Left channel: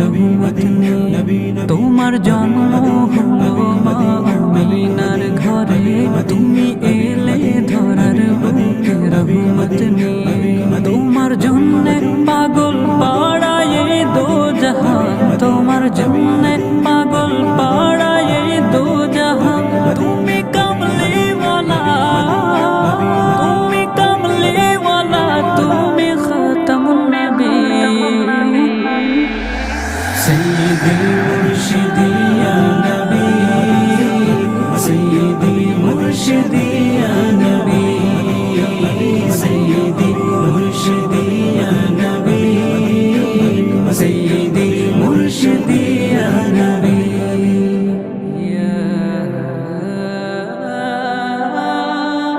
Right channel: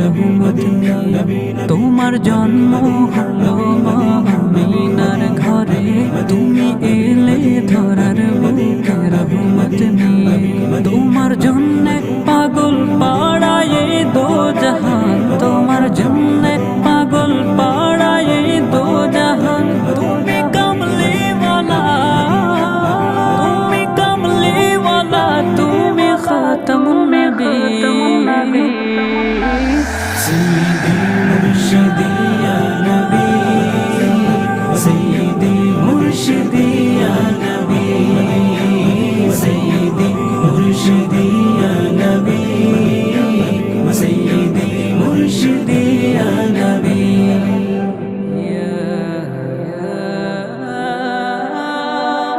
রহমত নিয়ে। তোমার জন্ম হলো মা আমিনার ঘরে, তুমি এলে ধরার বুকে রহমত নিয়ে। তোমার জন্য পাগল পাড়ায় দো জাহান, তোমার জন্য